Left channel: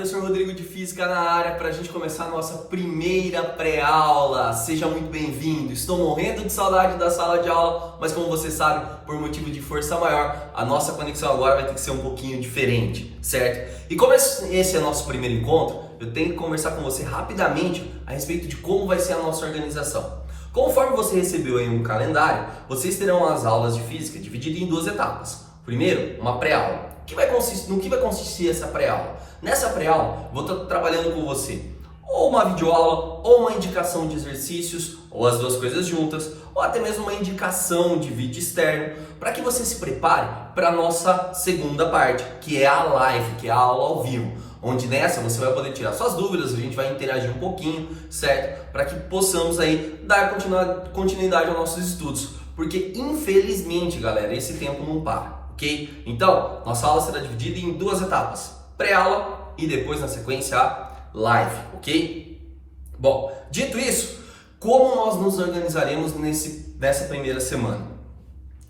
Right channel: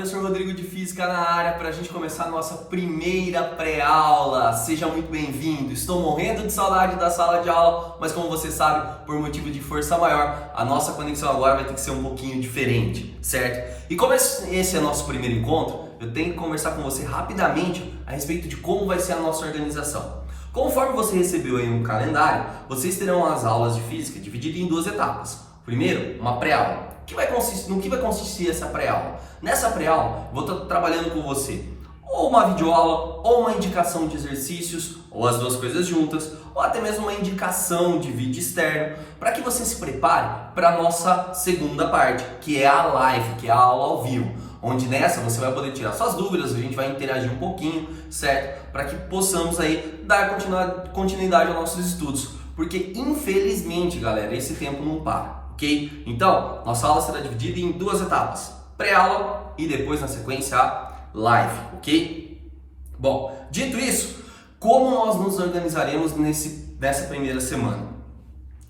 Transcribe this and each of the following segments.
professor Rodrigo de Física na área para a gente começar a nossa primeira pré-aula. Seja muito bem-vindo. Estou morrendo de saudade da sala de aula, mas como você sabe, por motivo de força maior, a nossa conexão agora vai ter que ser um pouquinho diferente, certo? E como esse é nosso primeiro encontro, eu tenho que conversar com você rapidamente a respeito de como vai ser a nossa organização. Conforme você recebeu aí um calendário, vocês terão as aulas de física divididas em duas etapas. Primeiro, uma pré-aula. No que vai consistir essa pré-aula? Nessa pré-aula, vou estar trabalhando com você ou uma videoaula, ou uma indicação de exercícios, ou as duas coisas juntas, ou até mesmo uma indicação de vídeo externo, para que você se prepare para a nossa segunda parte, que é a live, que é a aula ao vivo, onde nessa você vai poder tirar suas dúvidas, a gente vai interagir um pouquinho, certo? Para que possamos aí dar continuidade aos nossos estudos, porque infelizmente, galera, esse tempo não para. Ok? Então, nossa aula será dividida em duas etapas, pré-aula e depois na sequência a live, ok? Bom, dito isso, como nós nos organizaremos nessa primeira semana?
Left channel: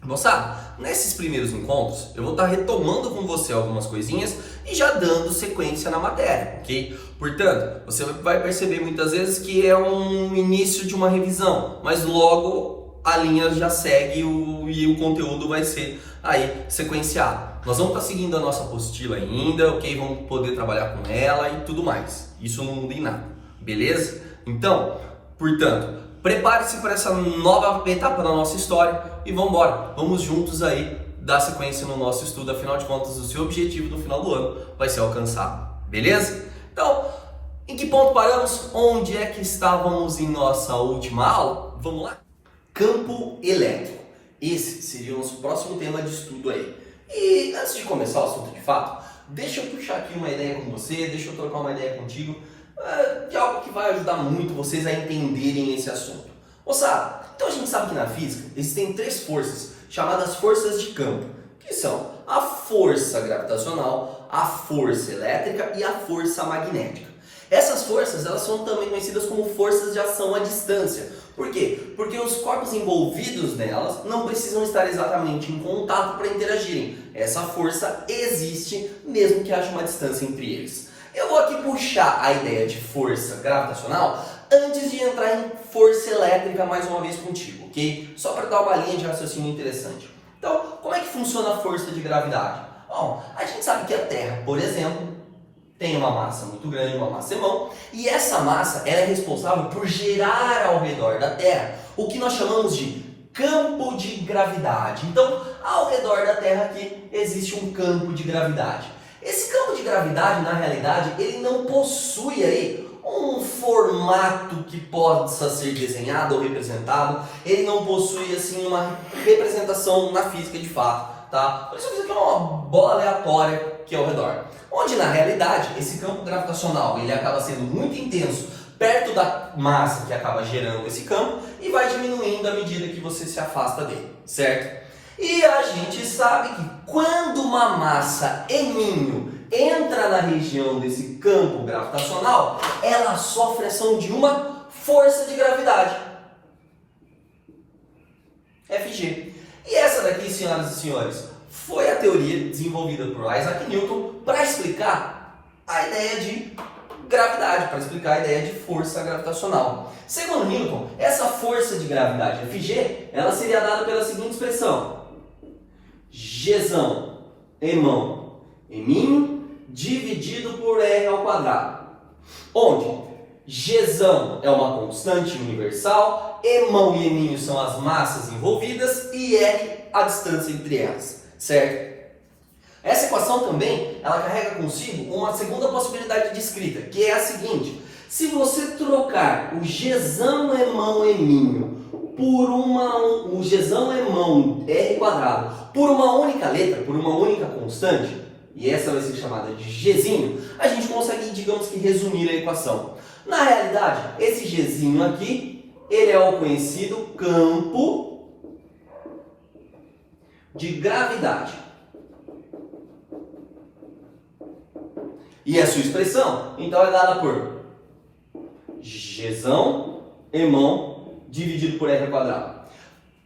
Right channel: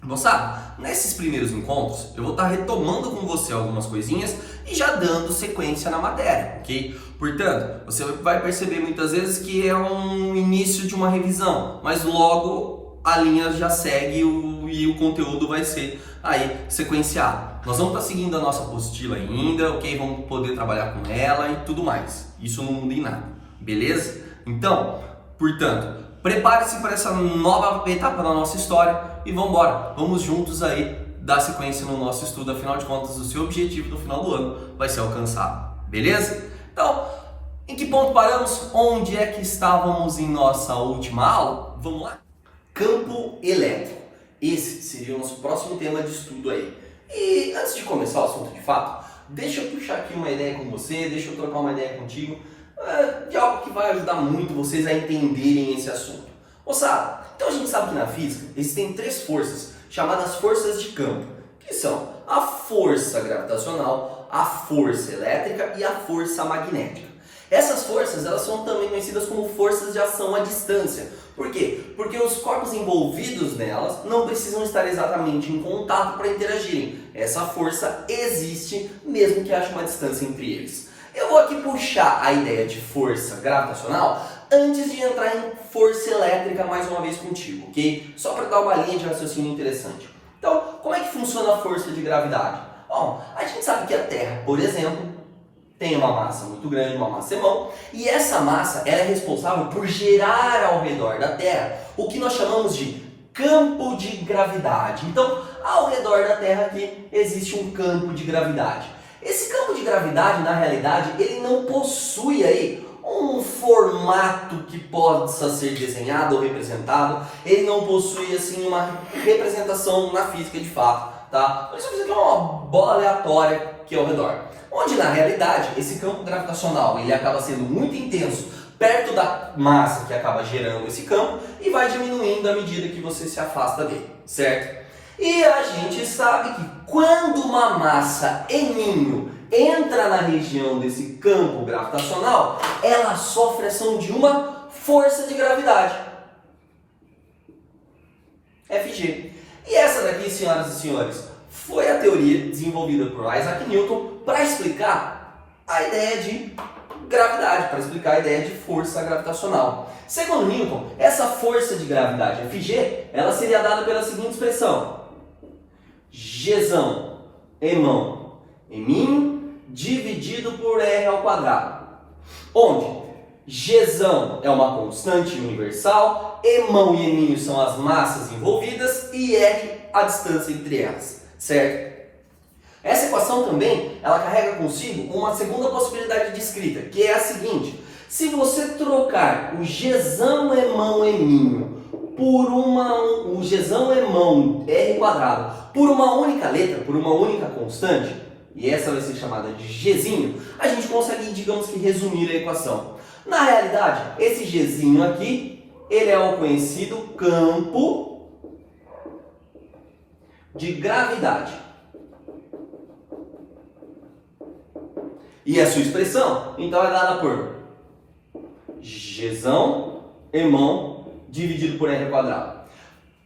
Moçada, nesses primeiros encontros eu vou estar retomando com você algumas coisinhas e já dando sequência na matéria, ok? Portanto, você vai perceber muitas vezes que é um início de uma revisão, mas logo a linha já segue e o conteúdo vai ser aí sequenciado. Nós vamos estar seguindo a nossa apostila ainda, ok? Vamos poder trabalhar com ela e tudo mais. Isso não muda em nada, beleza? Então, portanto, prepare-se para essa nova etapa da nossa história e vamos embora. Vamos juntos aí dar sequência no nosso estudo. Afinal de contas, o seu objetivo no final do ano vai ser alcançado, beleza? Então, em que ponto paramos? Onde é que estávamos em nossa última aula? Vamos lá? Campo elétrico. Esse seria o nosso próximo tema de estudo aí. E antes de começar o assunto de fato, deixa eu puxar aqui uma ideia com você, deixa eu trocar uma ideia contigo de algo que vai ajudar muito vocês a entenderem esse assunto. Moçada, então a gente sabe que na física existem três forças chamadas forças de campo, que são a força gravitacional, a força elétrica e a força magnética. Essas forças, elas são também conhecidas como forças de ação à distância. Por quê? Porque os corpos envolvidos nelas não precisam estar exatamente em contato para interagirem. Essa força existe mesmo que haja uma distância entre eles. Eu vou aqui puxar a ideia de força gravitacional antes de entrar em força elétrica mais uma vez contigo, ok? Só para dar uma linha de raciocínio interessante. Então, como é que funciona a força de gravidade? Bom, a gente sabe que a Terra, por exemplo, tem uma massa muito grande, uma massa irmão, e essa massa ela é responsável por gerar ao redor da Terra o que nós chamamos de campo de gravidade. Então, ao redor da Terra aqui existe um campo de gravidade. Esse campo de gravidade, na realidade, ele não possui aí um formato que possa ser desenhado ou representado, ele não possui assim uma representação na física de fato, tá? Por isso aqui é uma bola aleatória que é ao redor. Onde na realidade esse campo gravitacional ele acaba sendo muito intenso perto da massa que acaba gerando esse campo e vai diminuindo à medida que você se afasta dele, certo? E a gente sabe que quando uma massa M entra na região desse campo gravitacional, ela sofre ação de uma força de gravidade, FG. E essa daqui, senhoras e senhores, foi a teoria desenvolvida por Isaac Newton para explicar a ideia de gravidade, para explicar a ideia de força gravitacional. Segundo Newton, essa força de gravidade Fg, ela seria dada pela seguinte expressão: Gzão, Emão, Eminho, dividido por R ao quadrado. Onde Gzão é uma constante universal, Emão e Eminho são as massas envolvidas e R a distância entre elas. Certo? Essa equação também, ela carrega consigo uma segunda possibilidade de escrita, que é a seguinte: se você trocar o Gzão, Emão, Eminho por o Gzão, Emão, R quadrado por uma única letra, por uma única constante, e essa vai ser chamada de Gzinho, a gente consegue, digamos que, resumir a equação. Na realidade, esse Gzinho aqui, ele é o conhecido campo de gravidade. E a sua expressão, então, é dada por Gzão, Emão, dividido por R ao quadrado.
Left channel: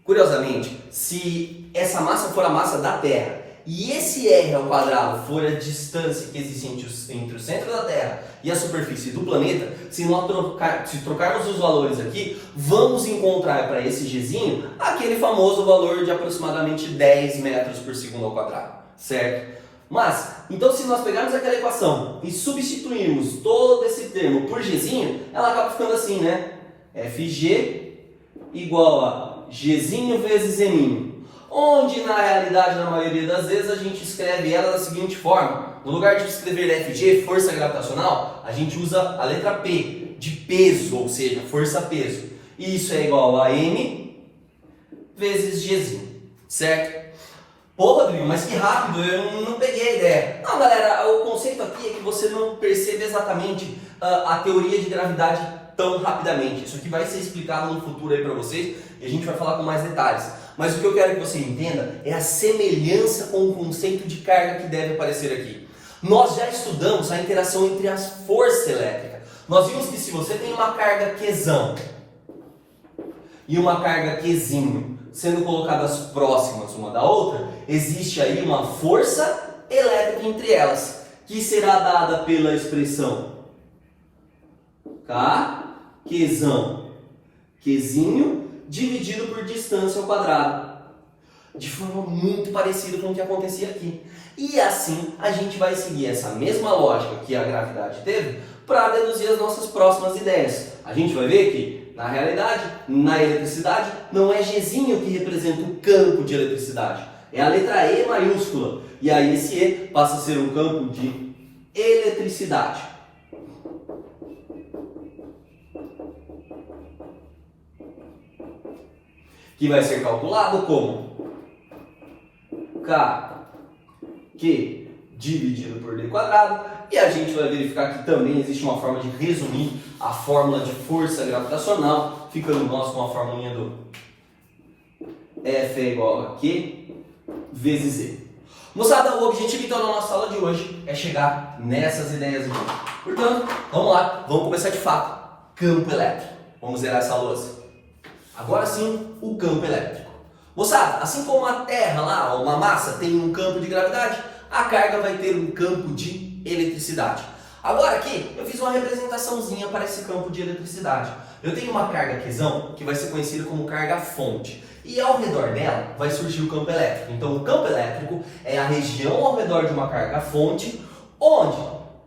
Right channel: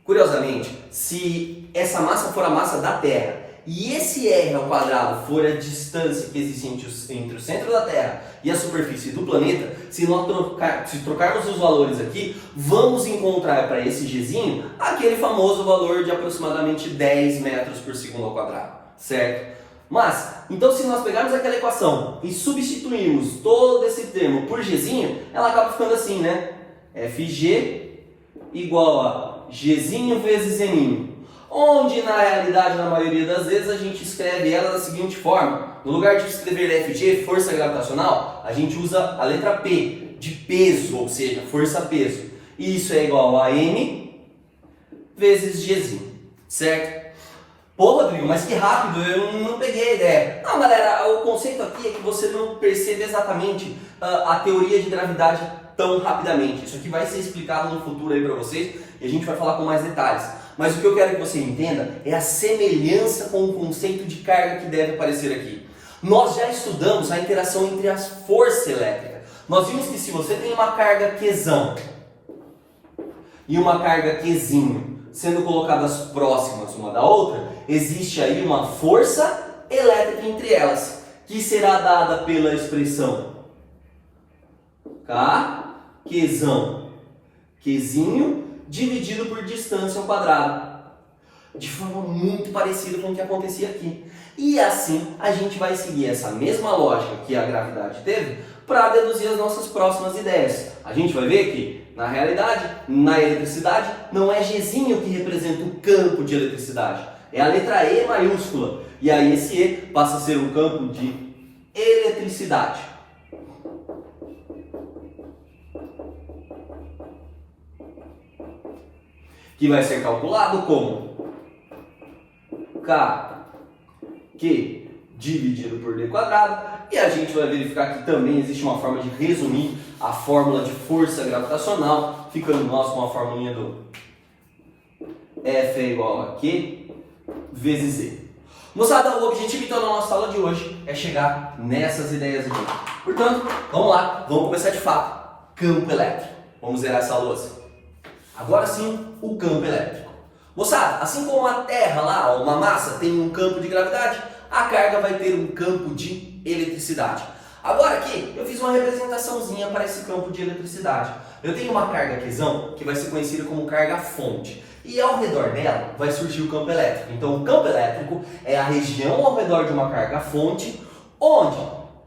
Curiosamente, se essa massa for a massa da Terra e esse r ao quadrado for a distância que existe entre o centro da Terra e a superfície do planeta, se trocarmos os valores aqui, vamos encontrar para esse gzinho aquele famoso valor de aproximadamente 10 metros por segundo ao quadrado, certo? Mas, então se nós pegarmos aquela equação e substituirmos todo esse termo por gzinho, ela acaba ficando assim, né? Fg igual a gzinho vezes m, onde na realidade, na maioria das vezes, a gente escreve ela da seguinte forma: no lugar de escrever Fg, força gravitacional, a gente usa a letra P, de peso, ou seja, força-peso. E isso é igual a m vezes gzinho, certo? Pô, Rodrigo, mas que rápido, eu não peguei a ideia. Não, galera, o conceito aqui é que você não percebe exatamente a teoria de gravidade tão rapidamente. Isso aqui vai ser explicado no futuro aí para vocês e a gente vai falar com mais detalhes. Mas o que eu quero que você entenda é a semelhança com o conceito de carga que deve aparecer aqui. Nós já estudamos a interação entre as forças elétricas. Nós vimos que se você tem uma carga Qzão e uma carga Qzinho sendo colocadas próximas uma da outra, existe aí uma força elétrica entre elas, que será dada pela expressão K, Qzão, Qzinho, dividido por distância ao quadrado. De forma muito parecida com o que acontecia aqui. E assim a gente vai seguir essa mesma lógica que a gravidade teve para deduzir as nossas próximas ideias. A gente vai ver que, na realidade, na eletricidade, não é Gzinho que representa o campo de eletricidade. É a letra E maiúscula. E aí esse E passa a ser um campo de eletricidade. Que vai ser calculado como Q dividido por D quadrado. E a gente vai verificar que também existe uma forma de resumir a fórmula de força gravitacional, ficando nós com a formulinha do F é igual a Q vezes E. Moçada, o objetivo então da nossa aula de hoje é chegar nessas ideias aqui. Portanto, vamos lá, vamos começar de fato. Campo elétrico. Vamos zerar essa louça. Agora sim, o campo elétrico. Moçada, assim como a Terra lá, uma massa, tem um campo de gravidade, a carga vai ter um campo de eletricidade. Agora aqui, eu fiz uma representaçãozinha para esse campo de eletricidade. Eu tenho uma carga Qzão, que vai ser conhecida como carga fonte. E ao redor dela vai surgir o campo elétrico. Então o campo elétrico é a região ao redor de uma carga fonte, onde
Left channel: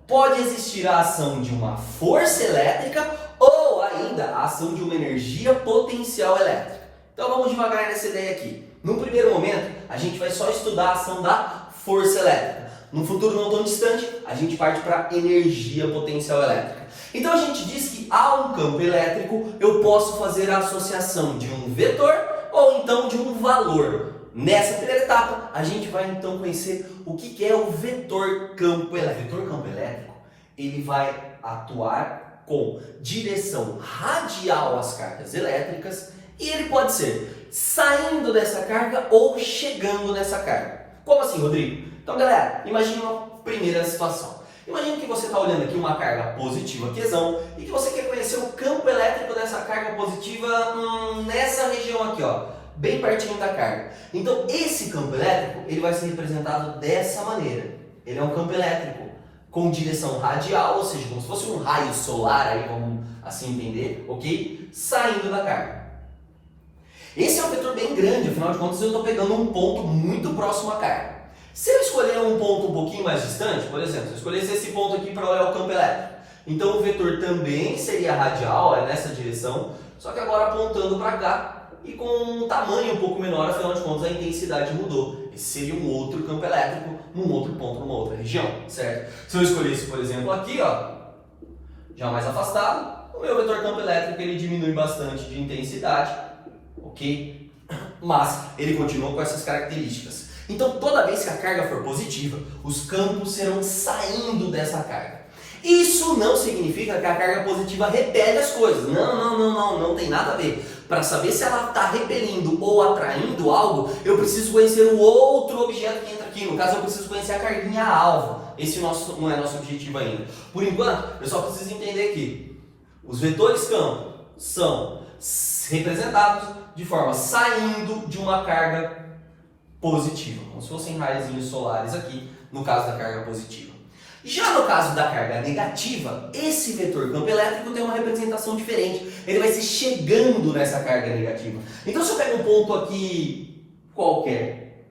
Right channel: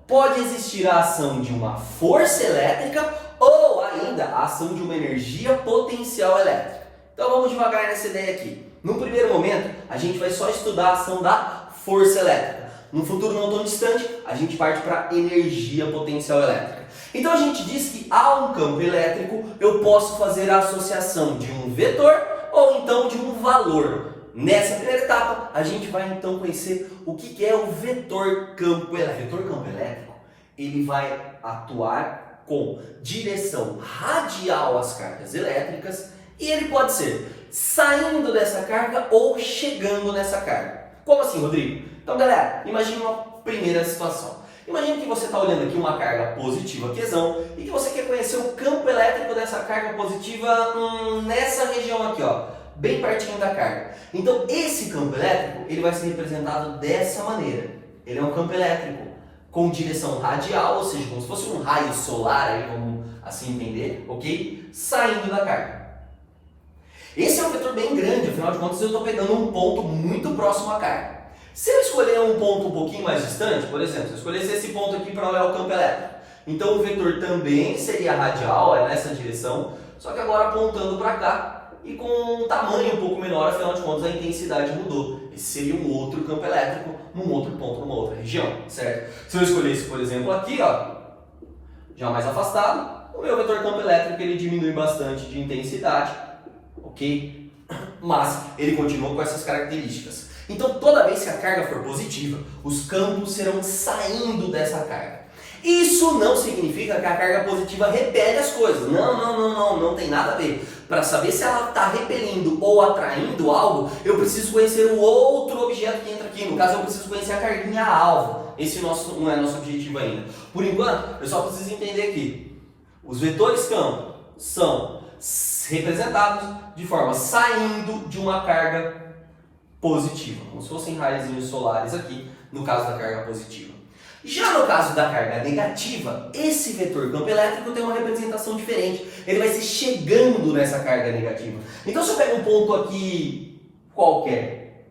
pode existir a ação de uma força elétrica ou ainda a ação de uma energia potencial elétrica. Então vamos devagar nessa ideia aqui. No primeiro momento, a gente vai só estudar a ação da força elétrica. No futuro não tão distante, a gente parte para energia potencial elétrica. Então a gente diz que há um campo elétrico, eu posso fazer a associação de um vetor ou então de um valor. Nessa primeira etapa, a gente vai então conhecer o que é o vetor campo elétrico. O vetor campo elétrico, ele vai atuar com direção radial às cargas elétricas e ele pode ser saindo dessa carga ou chegando nessa carga. Como assim, Rodrigo? Então, galera, imagine uma primeira situação. Imagine que você está olhando aqui uma carga positiva Qzão e que você quer conhecer o campo elétrico dessa carga positiva nessa região aqui, ó, bem pertinho da carga. Então, esse campo elétrico ele vai ser representado dessa maneira. Ele é um campo elétrico com direção radial, ou seja, como se fosse um raio solar, aí vamos assim entender, ok? Saindo da carga. Esse é um vetor bem grande, afinal de contas eu estou pegando um ponto muito próximo à carga. Se eu escolher um ponto um pouquinho mais distante, por exemplo, se eu escolhesse esse ponto aqui para olhar o campo elétrico, então o vetor também seria radial, é nessa direção, só que agora apontando para cá e com um tamanho um pouco menor, afinal de contas a intensidade mudou. Esse seria um outro campo elétrico num outro ponto, numa outra região, certo? Se eu escolhesse, por exemplo, aqui, ó, já mais afastado, o meu vetor campo elétrico ele diminui bastante de intensidade, ok? Mas ele continua com essas características. Então, toda vez que a carga for positiva, os campos serão saindo dessa carga. Isso não significa que a carga positiva repele as coisas. Não tem nada a ver. Para saber se ela está repelindo ou atraindo algo, eu preciso conhecer o outro objeto que entra aqui. No caso, eu preciso conhecer a carguinha alvo. Esse não é nosso objetivo ainda. Por enquanto, eu só preciso entender que os vetores campo são representados de forma saindo de uma carga positiva, como se fossem raios solares aqui, no caso da carga positiva. Já no caso da carga negativa, esse vetor campo elétrico tem uma representação diferente. Ele vai ser chegando nessa carga negativa. Então, se eu pego um ponto aqui qualquer,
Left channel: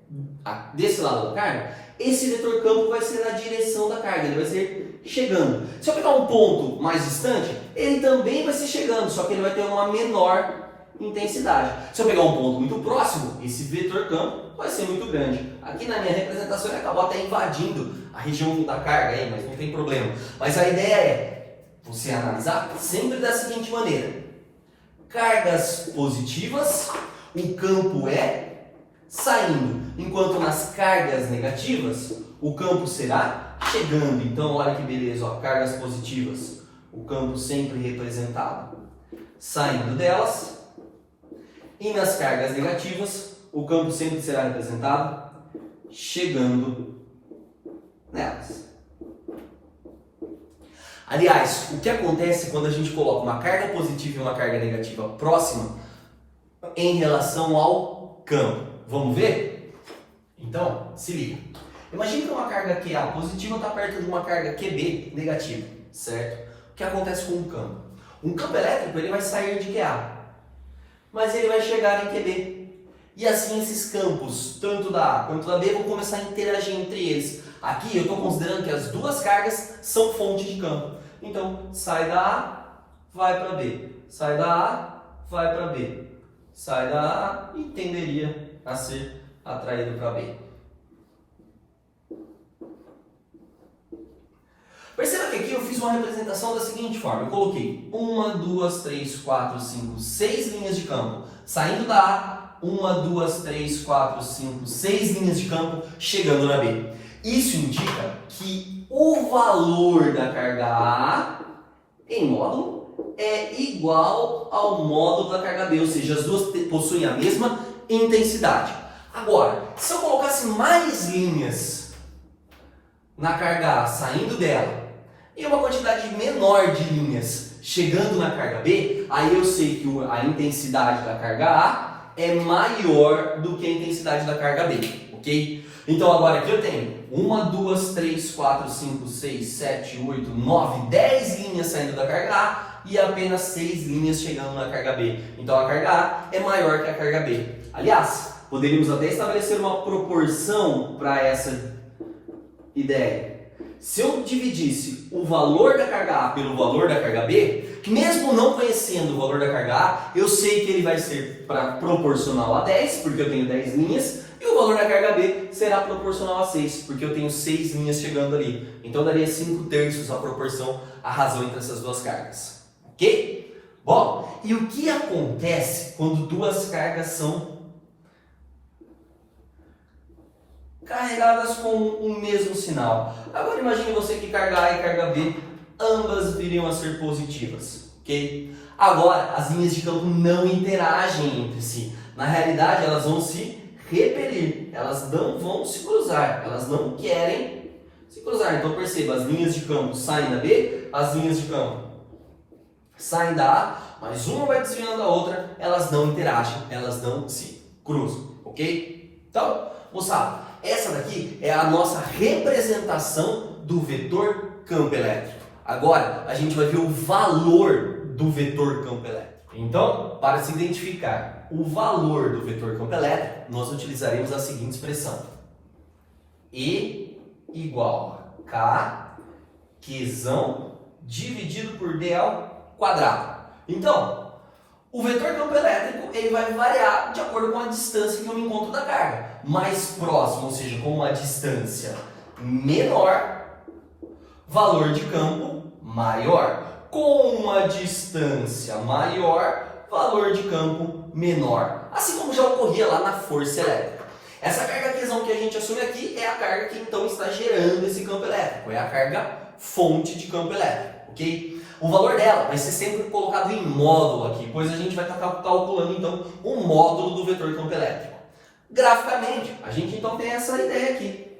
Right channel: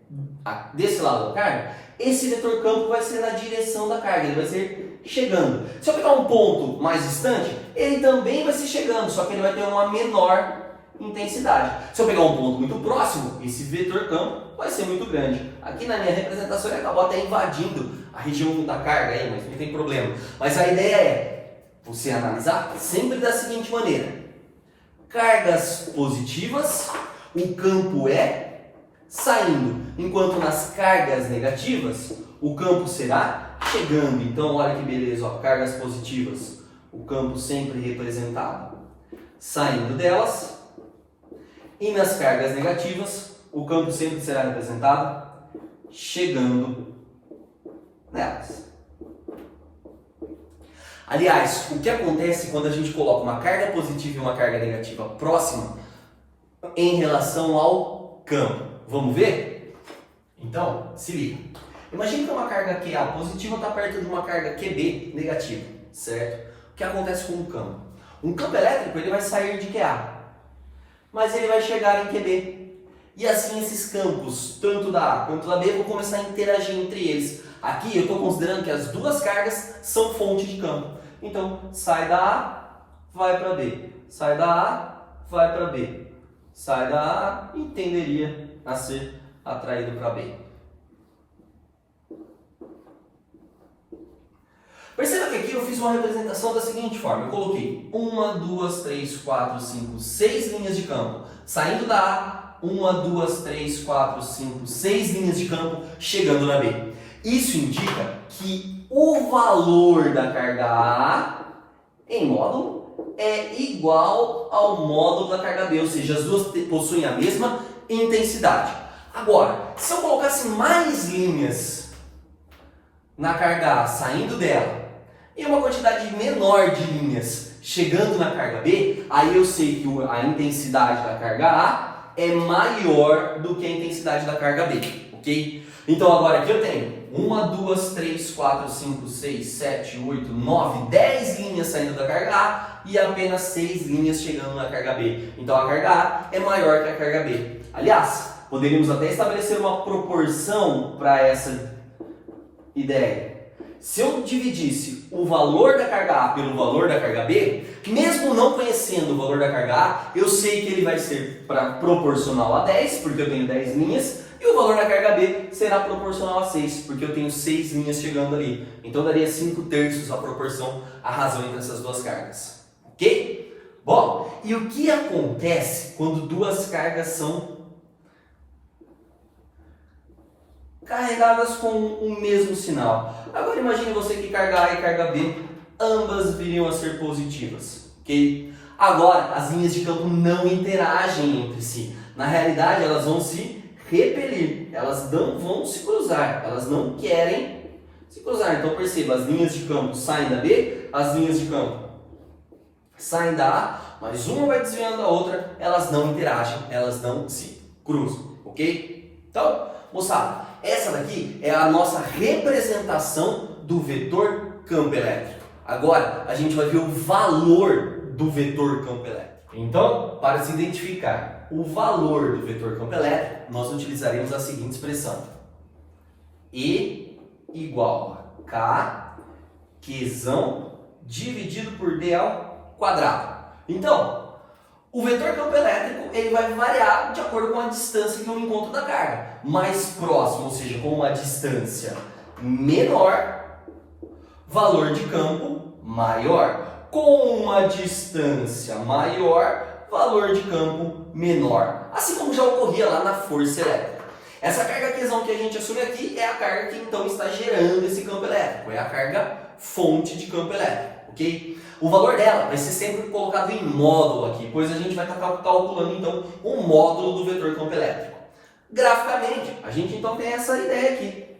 desse lado da carga, esse vetor campo vai ser na direção da carga, ele vai ser chegando. Se eu pegar um ponto mais distante, ele também vai ser chegando, só que ele vai ter uma menor intensidade. Se eu pegar um ponto muito próximo, esse vetor campo vai ser muito grande. Aqui na minha representação ele acabou até invadindo a região da carga aí, mas não tem problema. Mas a ideia é você analisar sempre da seguinte maneira: cargas positivas, o campo é saindo, enquanto nas cargas negativas o campo será chegando. Então olha que beleza, ó, cargas positivas, o campo sempre representado saindo delas, e nas cargas negativas o campo sempre será representado chegando nelas. Aliás, o que acontece quando a gente coloca uma carga positiva e uma carga negativa próxima em relação ao campo? Vamos ver? Então, se liga. Imagina que uma carga QA positiva está perto de uma carga QB negativa, certo? O que acontece com o campo? Um campo elétrico ele vai sair de QA, mas ele vai chegar em QB. E assim esses campos, tanto da A quanto da B, vão começar a interagir entre eles. Aqui eu estou considerando que as duas cargas são fonte de campo. Então, sai da A, vai para B. Sai da A, vai para B. Sai da A e tenderia a ser atraído para B. Perceba que aqui eu fiz uma representação da seguinte forma. Eu coloquei 1, 2, 3, 4, 5, 6 linhas de campo. Saindo da A, 1, 2, 3, 4, 5, 6 linhas de campo chegando na B. Isso indica que o valor da carga A em módulo é igual ao módulo da carga B, ou seja, as duas possuem a mesma intensidade. Agora, se eu colocasse mais linhas na carga A saindo dela e uma quantidade menor de linhas chegando na carga B, aí eu sei que a intensidade da carga A é maior do que a intensidade da carga B, ok? Então agora aqui eu tenho 1, 2, 3, 4, 5, 6, 7, 8, 9, 10 linhas saindo da carga A e apenas 6 linhas chegando na carga B. Então a carga A é maior que a carga B. Aliás, poderíamos até estabelecer uma proporção para essa ideia. Se eu dividisse o valor da carga A pelo valor da carga B, mesmo não conhecendo o valor da carga A, eu sei que ele vai ser proporcional a 10, porque eu tenho 10 linhas, e o valor da carga B será proporcional a 6, porque eu tenho 6 linhas chegando ali. Então daria 5/3 a proporção, a razão entre essas duas cargas. Ok? Bom, e o que acontece quando duas cargas são carregadas com o mesmo sinal? Agora imagine você que carga A e carga B, ambas viriam a ser positivas, ok? Agora, as linhas de campo não interagem entre si. Na realidade, elas vão se repelir, elas não vão se cruzar, elas não querem se cruzar. Então perceba, as linhas de campo saem da B, as linhas de campo saem da A, mas uma vai desviando da outra, elas não interagem, elas não se cruzam, ok? Então, moçada, essa daqui é a nossa representação do vetor campo elétrico. Agora, a gente vai ver o valor do vetor campo elétrico. Então, para se identificar o valor do vetor campo elétrico, nós utilizaremos a seguinte expressão: E igual a K, Qzão, dividido por D ao quadrado. Então, o vetor campo elétrico ele vai variar de acordo com a distância que eu encontro da carga. Mais próximo, ou seja, com uma distância menor, valor de campo maior. Com uma distância maior, valor de campo menor. Assim como já ocorria lá na força elétrica. Essa carga Qzão que a gente assume aqui é a carga que então está gerando esse campo elétrico. É a carga fonte de campo elétrico, ok? O valor dela vai ser sempre colocado em módulo aqui, pois a gente vai estar calculando então o módulo do vetor campo elétrico. Graficamente, a gente então tem essa ideia aqui.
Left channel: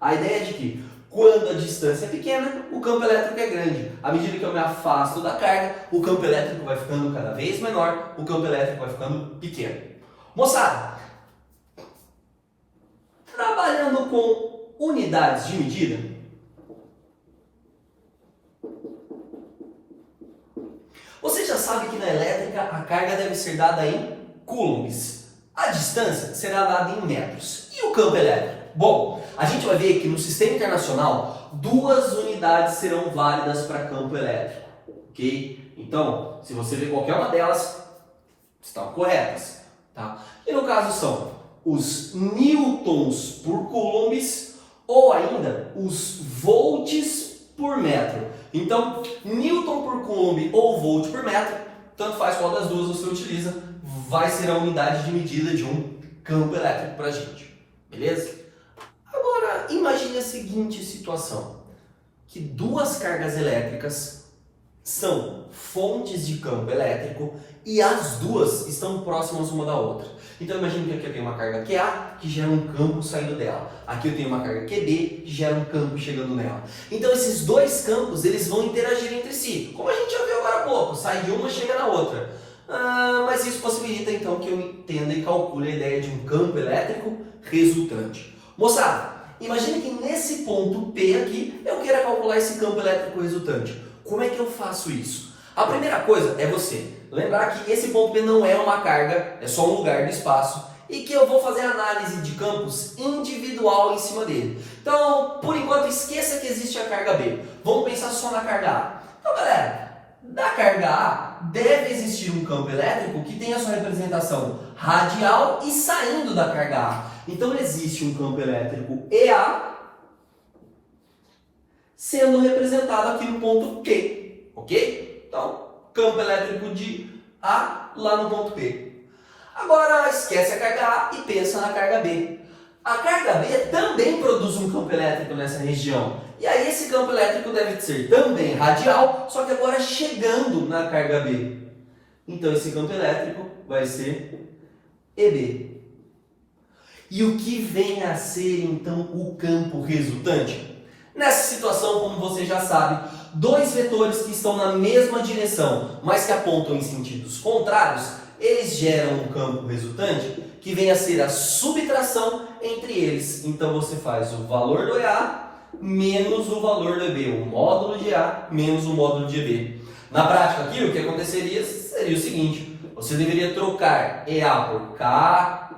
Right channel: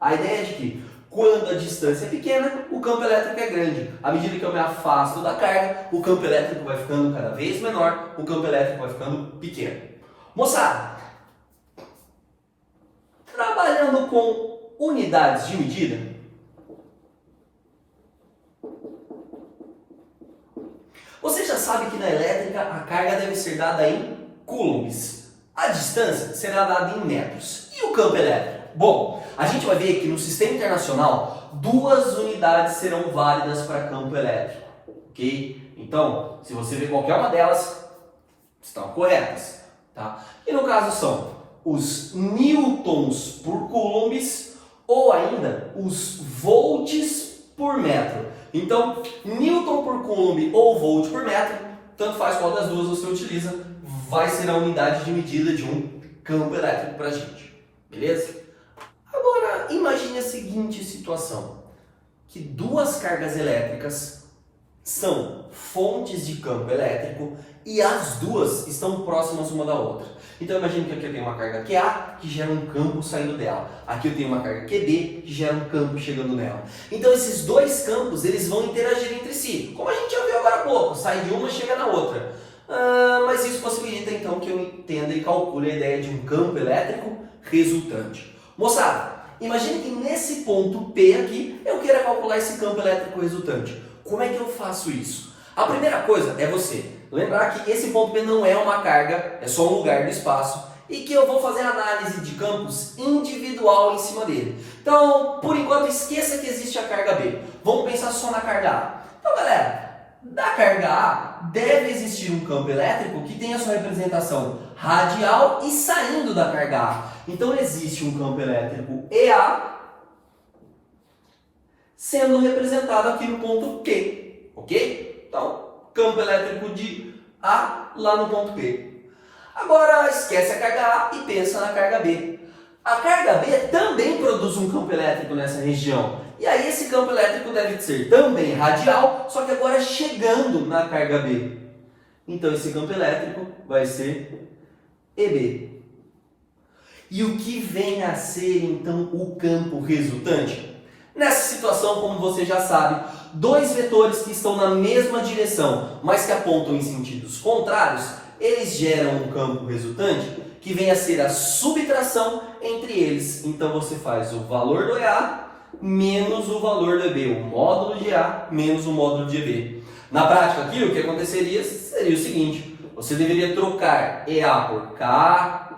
A ideia de que quando a distância é pequena, o campo elétrico é grande. À medida que eu me afasto da carga, o campo elétrico vai ficando cada vez menor, o campo elétrico vai ficando pequeno. Moçada, Trabalhando com unidades de medida, você já sabe que na elétrica a carga deve ser dada em coulombs. A distância será dada em metros. E o campo elétrico? Bom, a gente vai ver que no sistema internacional, 2 unidades serão válidas para campo elétrico. Ok? Então, se você ver qualquer uma delas, estão corretas. Tá? E no caso são os newtons por coulombs ou ainda os volts por metro. Então, newton por coulomb ou volt por metro, tanto faz qual das duas você utiliza, vai ser a unidade de medida de um campo elétrico para a gente. Beleza? Agora, imagine a seguinte situação, que 2 cargas elétricas são fontes de campo elétrico e as duas estão próximas uma da outra. Então imagine que aqui eu tenho uma carga QA que gera um campo saindo dela. Aqui eu tenho uma carga QB que gera um campo chegando nela. Então esses 2 campos eles vão interagir entre si. Como a gente já viu agora há pouco, sai de uma e chega na outra. Mas isso possibilita então que eu entenda e calcule a ideia de um campo elétrico resultante. Moçada, imagine que nesse ponto P aqui eu queira calcular esse campo elétrico resultante. Como é que eu faço isso? A primeira coisa é você lembrar que esse ponto P não é uma carga, é só um lugar do espaço e que eu vou fazer análise de campos individual em cima dele. Então, por enquanto, esqueça que existe a carga B. Vamos pensar só na carga A. Então, galera, da carga A deve existir um campo elétrico que tenha sua representação radial e saindo da carga A. Então, existe um campo elétrico EA sendo representado aqui no ponto P, ok? Então, campo elétrico de A lá no ponto P. Agora, esquece a carga A e pensa na carga B. A carga B também produz um campo elétrico nessa região. E aí esse campo elétrico deve ser também radial, só que agora chegando na carga B. Então, esse campo elétrico vai ser EB. E o que vem a ser, então, o campo resultante? Nessa situação, como você já sabe, 2 vetores que estão na mesma direção, mas que apontam em sentidos contrários, eles geram um campo resultante que vem a ser a subtração entre eles. Então você faz o valor do EA menos o valor do EB, o módulo de A menos o módulo de EB. Na prática aqui, o que aconteceria seria o seguinte, você deveria trocar EA por K,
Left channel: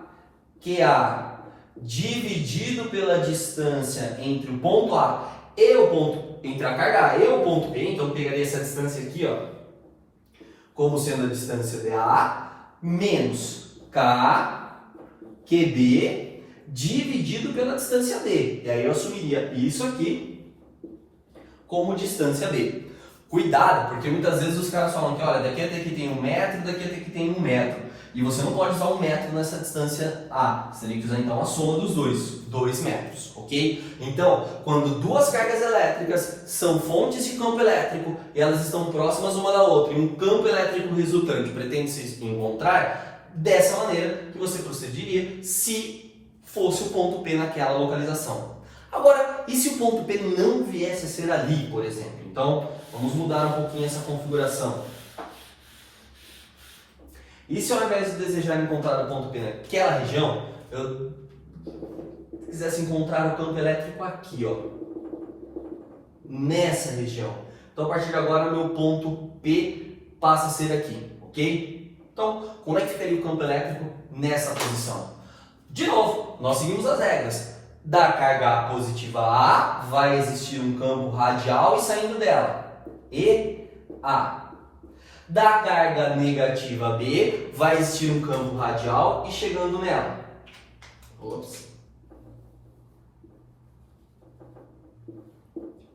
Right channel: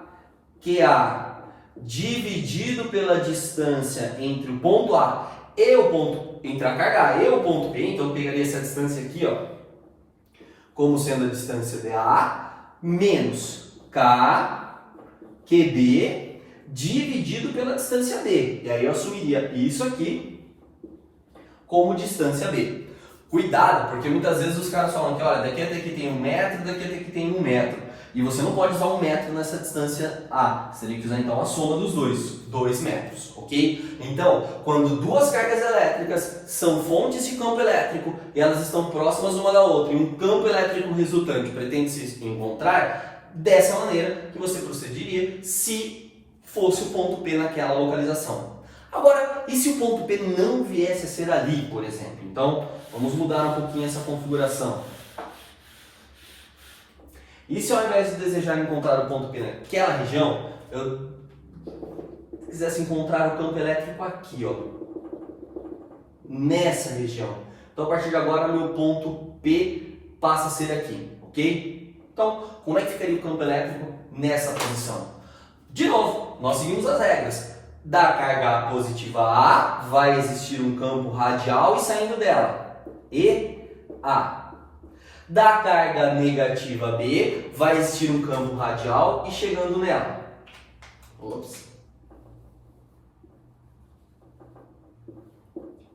QA dividido pela distância entre o ponto A e o ponto, entre a carga A e o ponto B, então eu pegaria essa distância aqui, ó, como sendo a distância dA, menos K, QB, dividido pela distância D. E aí eu assumiria isso aqui como distância B. Cuidado, porque muitas vezes os caras falam que, olha, daqui até aqui tem 1 metro, daqui até aqui tem 1 metro. E você não pode usar 1 metro nessa distância A. Você tem que usar então a soma dos dois, 2 metros, ok? Então, quando 2 cargas elétricas são fontes de campo elétrico e elas estão próximas uma da outra e um campo elétrico resultante pretende se encontrar, dessa maneira que você procederia se fosse o ponto P naquela localização. Agora, e se o ponto P não viesse a ser ali, por exemplo? Então, vamos mudar um pouquinho essa configuração. E se ao invés de desejar encontrar o ponto P naquela região, eu quisesse encontrar o campo elétrico aqui, ó, nessa região? Então, a partir de agora, o meu ponto P passa a ser aqui, ok? Então, como é que ficaria o campo elétrico nessa posição? De novo, nós seguimos as regras. Da carga positiva A, vai existir um campo radial e saindo dela, EA. Da carga negativa B, vai existir um campo radial e chegando nela. Ops.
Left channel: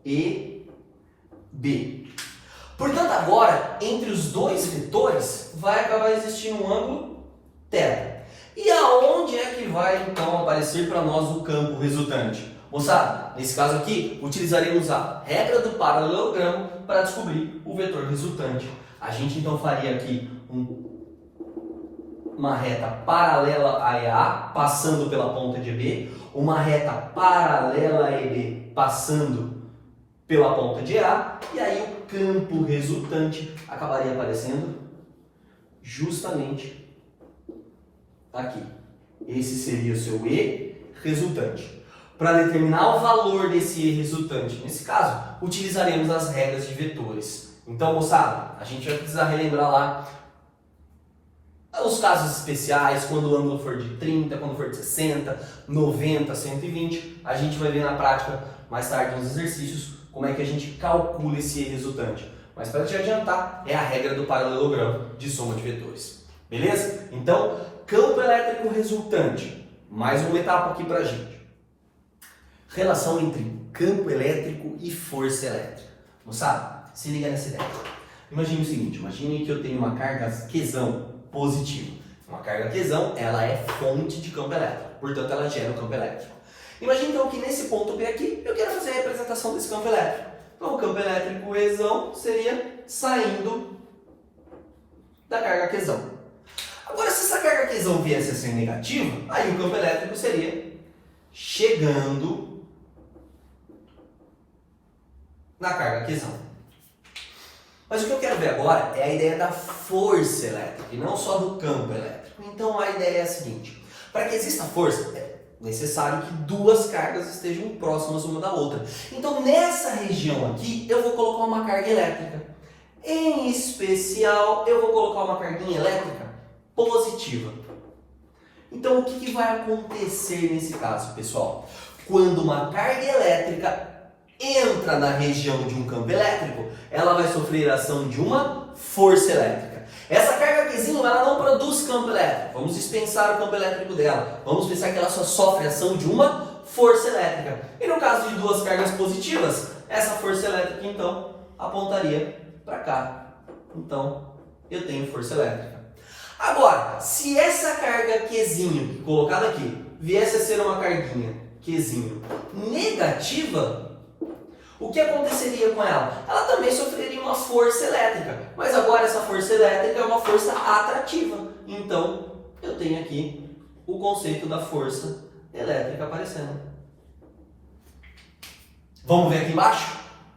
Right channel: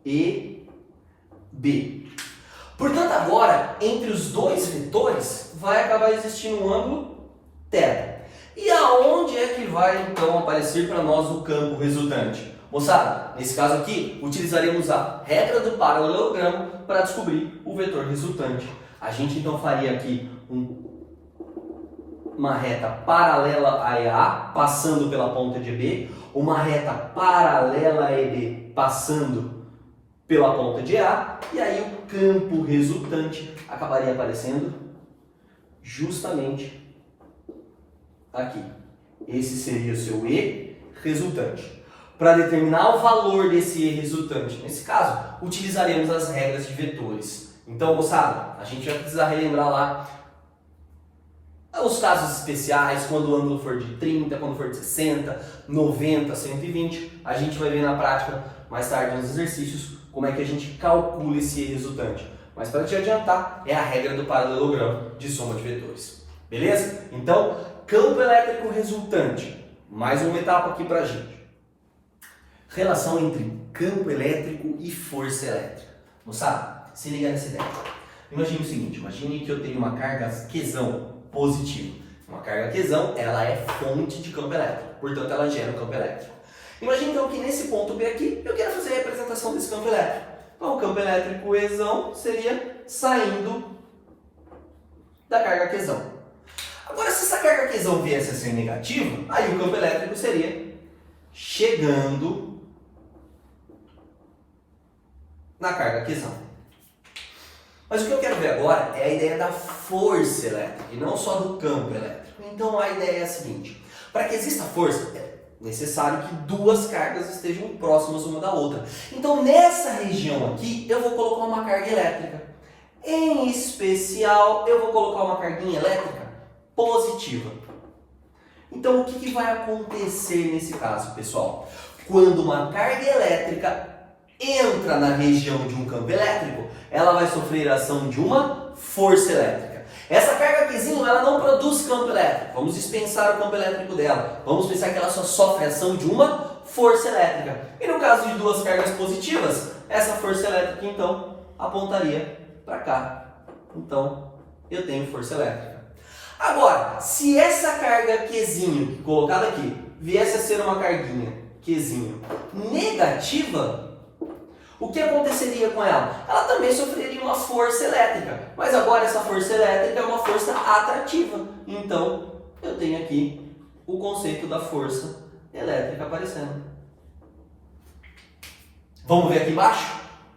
EB. Portanto, agora, entre os 2 vetores, vai acabar existindo um ângulo θ. E aonde é que vai, então, aparecer para nós o campo resultante? Moçada, nesse caso aqui, utilizaremos a regra do paralelogramo para descobrir o vetor resultante. A gente, então, faria aqui uma reta paralela a EA, passando pela ponta de EB, uma reta paralela a EB, passando pela ponta de EA, e aí o campo resultante acabaria aparecendo justamente aqui. Esse seria o seu E resultante. Para determinar o valor desse E resultante, nesse caso, utilizaremos as regras de vetores. Então, moçada, a gente vai precisar relembrar lá os casos especiais, quando o ângulo for de 30, quando for de 60, 90, 120. A gente vai ver na prática, mais tarde nos exercícios, como é que a gente calcula esse E resultante. Mas para te adiantar, é a regra do paralelogramo de soma de vetores. Beleza? Então, campo elétrico resultante. Mais uma etapa aqui para a gente. Relação entre campo elétrico e força elétrica. Moçada, se liga nessa ideia. Imagine o seguinte, imagine que eu tenho uma carga Qzão positiva. Uma carga Qzão, ela é fonte de campo elétrico, portanto ela gera um campo elétrico. Imagine então que nesse ponto P aqui, eu quero fazer a representação desse campo elétrico. Então o campo elétrico Ezão seria saindo da carga Qzão. Agora, se essa carga Qzão viesse a ser negativa, aí o campo elétrico seria chegando na carga Qzão. Mas o que eu quero ver agora é a ideia da força elétrica e não só do campo elétrico. Então a ideia é a seguinte: para que exista força, é necessário que duas cargas estejam próximas uma da outra. Então nessa região aqui eu vou colocar uma carga elétrica. Em especial, eu vou colocar uma carguinha elétrica positiva. Então o que vai acontecer nesse caso, pessoal? Quando uma carga elétrica entra na região de um campo elétrico, ela vai sofrer a ação de uma força elétrica. Essa carga Qzinho, ela não produz campo elétrico. Vamos dispensar o campo elétrico dela. Vamos pensar que ela só sofre a ação de uma força elétrica. E no caso de duas cargas positivas, essa força elétrica, então, apontaria para cá. Então, eu tenho força elétrica. Agora, se essa carga Qzinho, colocada aqui, viesse a ser uma carguinha Qzinho negativa, o que aconteceria com ela? Ela também sofreria uma força elétrica, mas agora essa força elétrica é uma força atrativa. Então, eu tenho aqui o conceito da força elétrica aparecendo. Vamos ver aqui embaixo?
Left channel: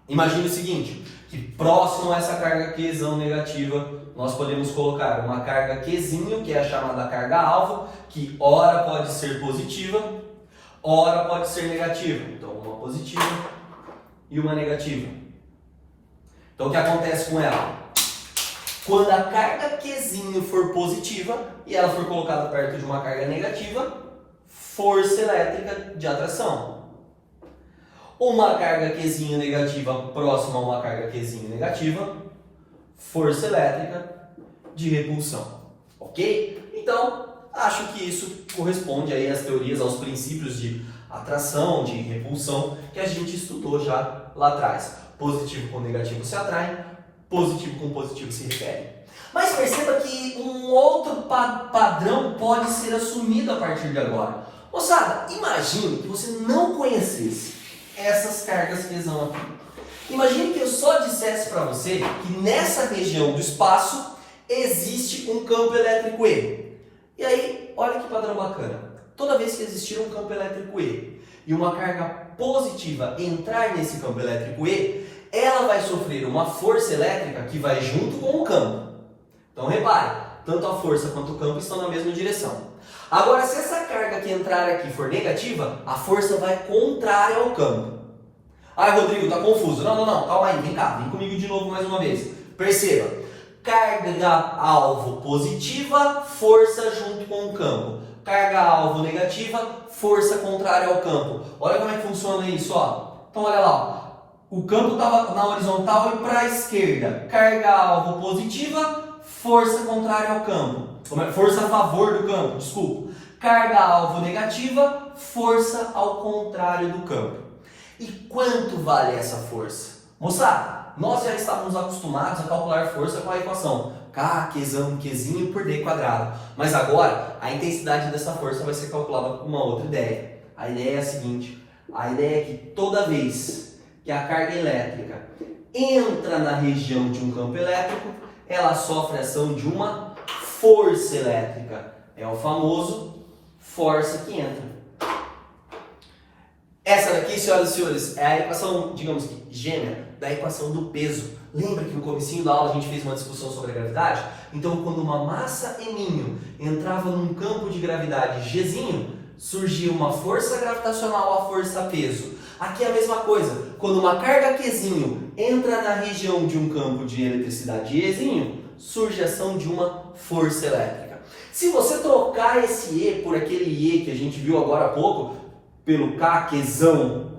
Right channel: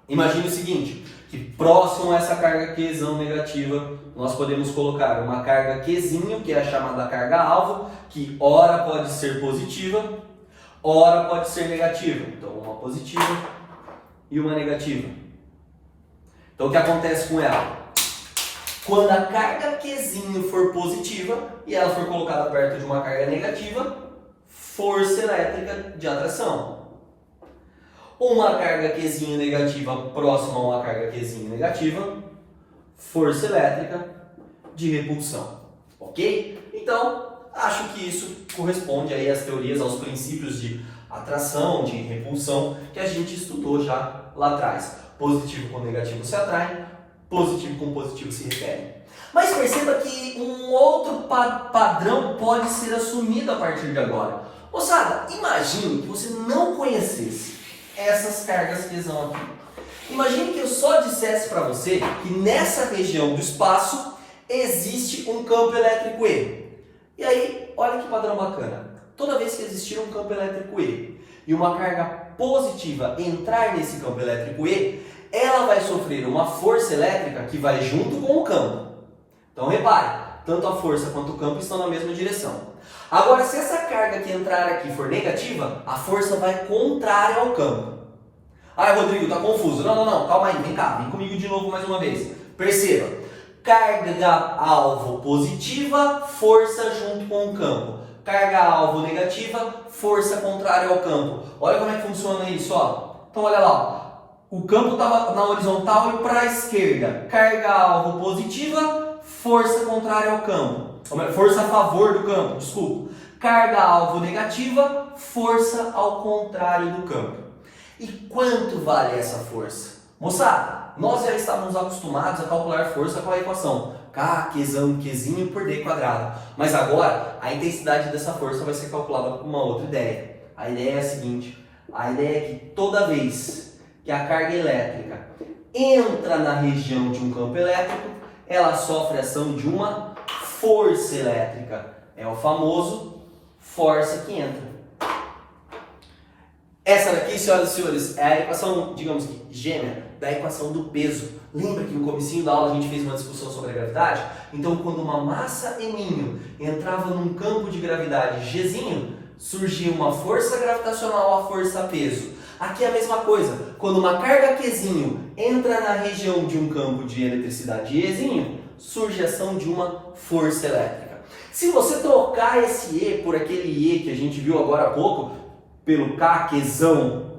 Imagine o seguinte, que próximo a essa carga Qzão negativa, nós podemos colocar uma carga Qzinho, que é a chamada carga alvo, que ora pode ser positiva, ora pode ser negativa. Então, uma positiva e uma negativa. Então o que acontece com ela? Quando a carga Qzinho for positiva e ela for colocada perto de uma carga negativa, força elétrica de atração. Uma carga Qzinho negativa próxima a uma carga Qzinho negativa, força elétrica de repulsão. Ok? Então, acho que isso corresponde aí às teorias, aos princípios de atração, de repulsão, que a gente estudou já lá atrás. Positivo com negativo se atrai, positivo com positivo se repele. Mas perceba que um outro padrão pode ser assumido a partir de agora. Moçada, imagine que você não conhecesse essas cargas Qzão aqui. Imagine que eu só dissesse para você que nessa região do espaço existe um campo elétrico E. E aí, olha que padrão bacana. Toda vez que existir um campo elétrico E e uma carga positiva entrar nesse campo elétrico E, ela vai sofrer uma força elétrica que vai junto com o campo. Então repare, tanto a força quanto o campo estão na mesma direção. Agora, se essa carga que entrar aqui for negativa, a força vai contrária ao campo. Ai, Rodrigo, tá confuso. Não, calma aí, vem cá, vem comigo de novo mais uma vez. Perceba, carga alvo positiva, força junto com o campo. Carga alvo negativa, força contrária ao campo. Olha como é que funciona isso, ó. Então olha lá, o campo estava na horizontal e para a esquerda. Carga alvo positiva, força contrária ao campo. Força a favor do campo, desculpa. Carga alvo negativa, força ao contrário do campo. E quanto vale essa força? Moçada, nós já estávamos acostumados a calcular força com a equação K, Qzinho por D quadrado. Mas agora, a intensidade dessa força vai ser calculada com uma outra ideia. A ideia é a seguinte, a ideia é que toda vez que a carga elétrica entra na região de um campo elétrico, ela sofre a ação de uma força elétrica. É o famoso força que entra. Essa daqui, senhoras e senhores, é a equação, digamos que gêmea, da equação do peso. Lembra que no comecinho da aula a gente fez uma discussão sobre a gravidade? Então, quando uma massa M entrava num campo de gravidade Gzinho, surgia uma força gravitacional, a força peso. Aqui é a mesma coisa. Quando uma carga Qzinho entra na região de um campo de eletricidade Ezinho, surge a ação de uma força elétrica. Se você trocar esse E por aquele E que a gente viu agora há pouco, pelo K, Qzão,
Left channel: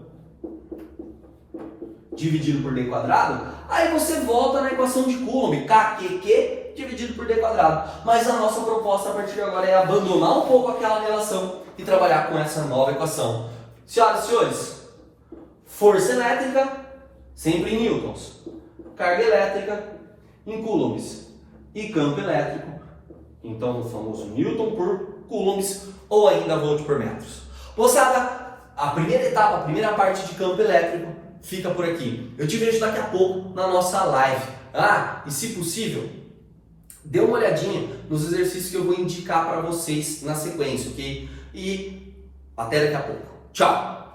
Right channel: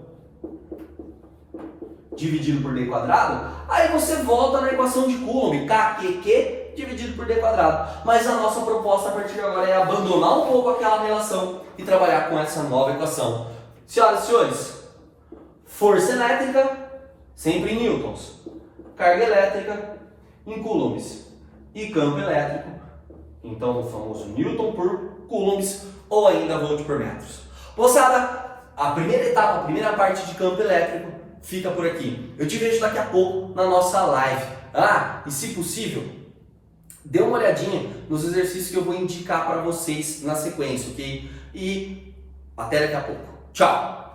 dividido por D quadrado, aí você volta na equação de Coulomb, KQQ dividido por D quadrado. Mas a nossa proposta a partir de agora é abandonar um pouco aquela relação e trabalhar com essa nova equação. Senhoras e senhores, força elétrica sempre em newtons, carga elétrica em coulombs e campo elétrico, então o famoso newton por coulombs ou ainda volt por metros. Moçada, a primeira etapa, a primeira parte de campo elétrico fica por aqui. Eu te vejo daqui a pouco na nossa live. E se possível, dê uma olhadinha nos exercícios que eu vou indicar para vocês na sequência, ok? E até daqui a pouco. Tchau!